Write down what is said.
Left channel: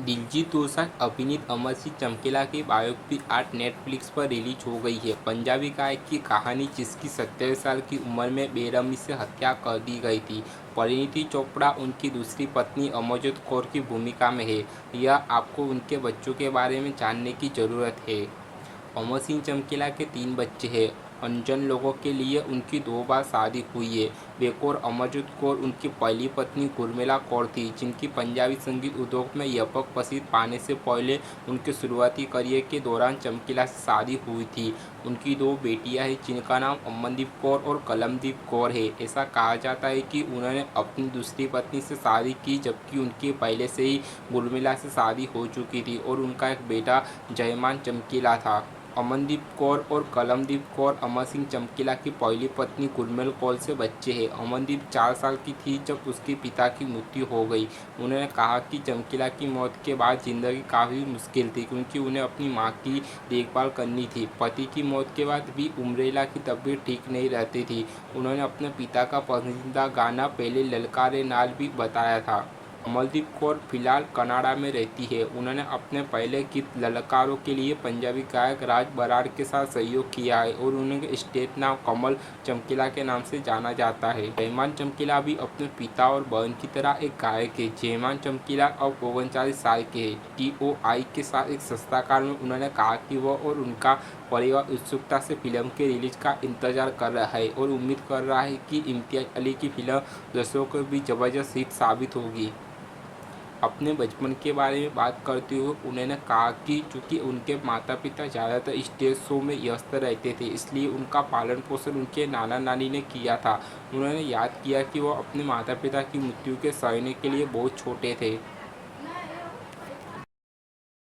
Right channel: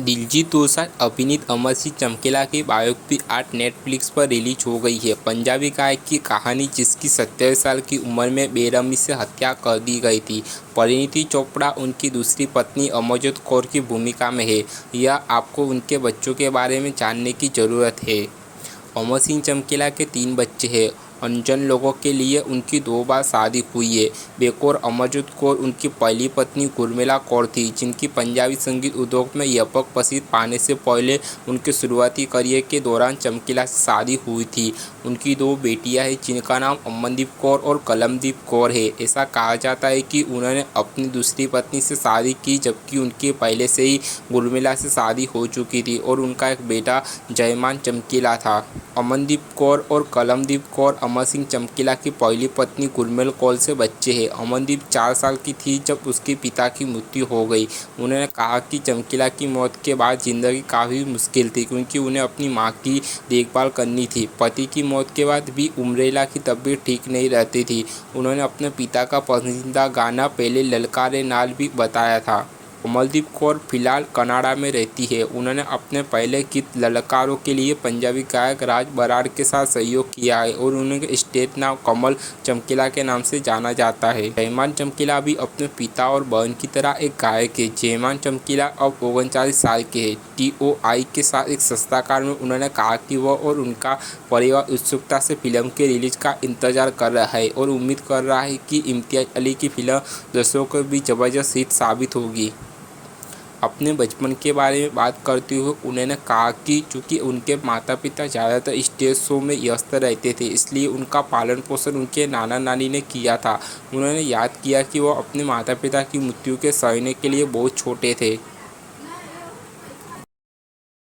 दिलजीत दोसांझ अभिनीत अमर सिंह चमकीला की बायोपिक आज नेटफ्लिक्स पर रिलीज हो गई है। पंजाबी गायक की कहानी जिसकी 27 साल की उम्र में बेरहमी से हत्या कर दी गई थी। परिणीति चोपड़ा उनकी दूसरी पत्नी अमरजोत कौर की भूमिका में है। यह आपको उनके बच्चों के बारे में जानने की ज़रूरत है। अमर सिंह चमकीला के 3 बच्चे हैं। अनजान लोगों के लिए उनकी 2 बार शादी हुई है। बेकौर अमरजोत कौर उनकी पहली पत्नी गुरमिला कौर थी, जिनकी पंजाबी संगीत उद्योग में व्यापक प्रसिद्ध पाने से पहले उनके शुरुआती करियर के दौरान चमकीला से शादी हुई थी। उनकी 2 बेटियां हैं, जिनका नाम अमनदीप कौर और कलमदीप कौर है। ऐसा कहा जाता है कि उन्होंने अपनी दूसरी पत्नी से शादी की, जबकि उनकी पहले से ही गुरमिला से शादी हो चुकी थी और उनका एक बेटा जयमान चमकीला था। अमनदीप कौर और कलमदीप कौर अमर सिंह चमकीला की पहली पत्नी गुरमिल कौर से बच्चे हैं। अमनदीप 4 साल की थी जब उसके पिता की मृत्यु हो गई। उन्होंने कहा कि चमकीला की मौत के बाद जिंदगी काफ़ी मुश्किल थी, क्योंकि उन्हें अपनी मां की देखभाल करनी थी। पति की मौत के बाद भी उमरेला की तबीयत ठीक नहीं रहती थी। उन्होंने अपने पिता का पसंदीदा गाना पहले ललकारे नाल भी बताया था। अमनदीप कौर फिलहाल कनाडा में रहती है। उन्होंने अपने पहले गीत ललकारों के लिए पंजाबी गायक राज बराड़ के साथ सहयोग किया है और उन्हें स्टेज नाम कमल चमकीला के नाम से जाना जाता है। जयमान चमकीला भी अपने पिता और बहन की तरह एक गायक है। जयमान चमकीला अब 39 साल के हैं। TOI के साथ एक साक्षात्कार में उन्होंने कहा कि वह और उनका परिवार उत्सुकता से फिल्म के रिलीज का इंतजार कर रहा है और उम्मीद कर रहा है कि इम्तियाज अली की फिल्म दर्शकों को भी जबरदस्त हिट साबित होगी। अपने बचपन के बारे में बात करते हुए उन्होंने कहा कि चूँकि उनके माता पिता ज़्यादातर स्टेज शो में व्यस्त रहते थे, इसलिए उनका पालन पोषण उनके नाना नानी ने किया था। उन्होंने याद किया कि वह अपने माता पिता की मृत्यु के सहने के लिए बहुत छोटे थे।